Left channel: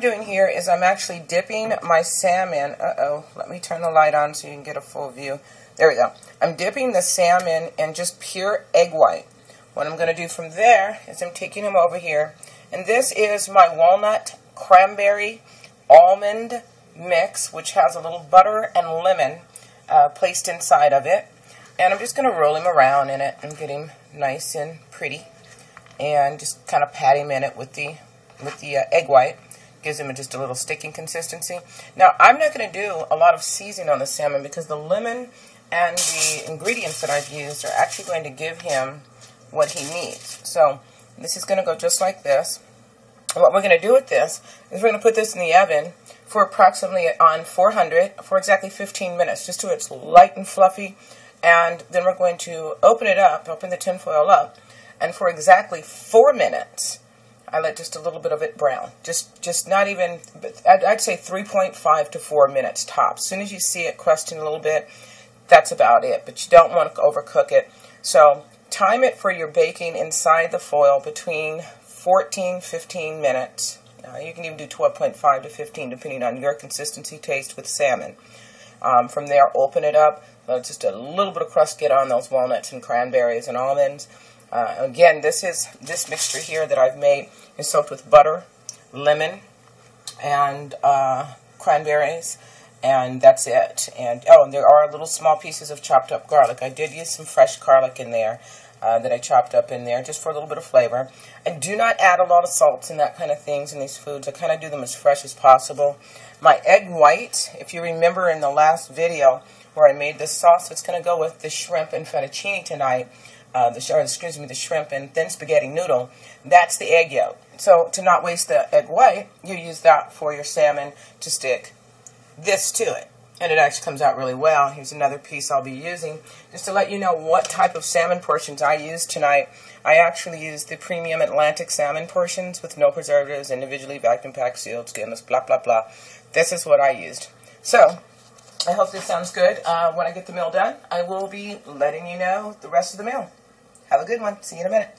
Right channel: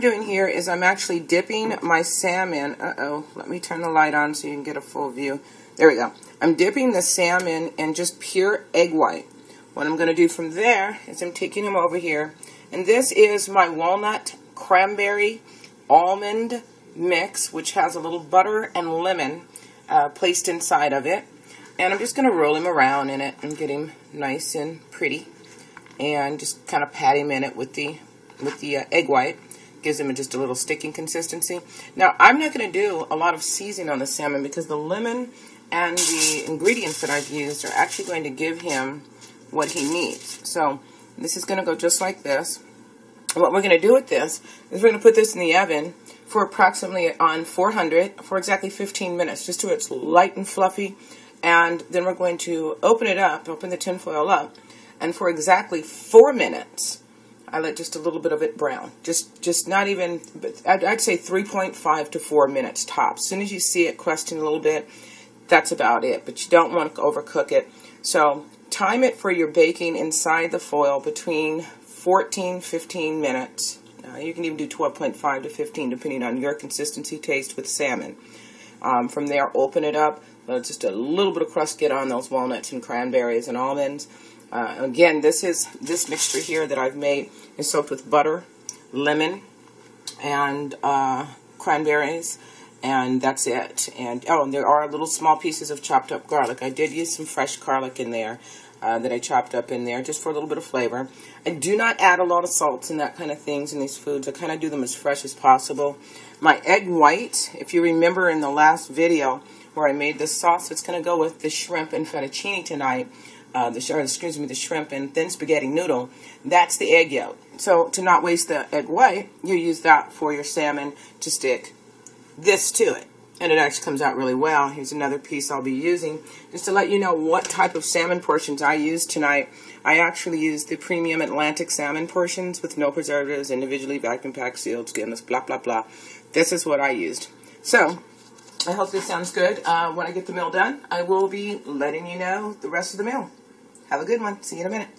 I'm doing here is I'm actually dipping my salmon. Let me turn the light on so you can get a full view. There we go. I'm dipping the salmon in just pure egg white. What I'm going to do from there is I'm taking them over here, and this is my walnut cranberry almond mix, which has a little butter and lemon placed inside of it, and I'm just going to roll him around in it and get him nice and pretty, and just kind of pat him in it with the egg white. Gives him just a little sticking consistency. Now, I'm not going to do a lot of seasoning on the salmon because the lemon and the ingredients that I've used are actually going to give him what he needs. So this is going to go just like this. And what we're going to do with this is we're going to put this in the oven for approximately on 400 for exactly 15 minutes, just so it's light and fluffy. And then we're going to open it up, open the tinfoil up, and for exactly 4 minutes, I let just a little bit of it brown. Just not even, I'd say 3.5 to 4 minutes tops. As soon as you see it crusting a little bit, that's about it. But you don't want to overcook it. So time it for your baking inside the foil between 15 minutes. You can even do 12.5 to 15 depending on your consistency taste with salmon. From there, open it up. Let just a little bit of crust get on those walnuts and cranberries and almonds. Again, this mixture here that I've made is soaked with butter, lemon, and cranberries, and that's it. And there are little small pieces of chopped up garlic. I did use some fresh garlic in there that I chopped up in there just for a little bit of flavor. I do not add a lot of salts and that kind of things in these foods. I kind of do them as fresh as possible. My egg white, if you remember in the last video where I made this sauce, it's going to go with the shrimp and fettuccine tonight. The shrimp and thin spaghetti noodle, that's the egg yolk. So to not waste the egg white, you use that for your salmon to stick this to it. And it actually comes out really well. Here's another piece I'll be using. Just to let you know what type of salmon portions I used tonight. I actually used the premium Atlantic salmon portions with no preservatives, individually vacuum packed, sealed, skinless, blah, blah, blah. This is what I used. So I hope this sounds good. When I get the meal done, I will be letting you know the rest of the meal. Have a good one. See you in a minute.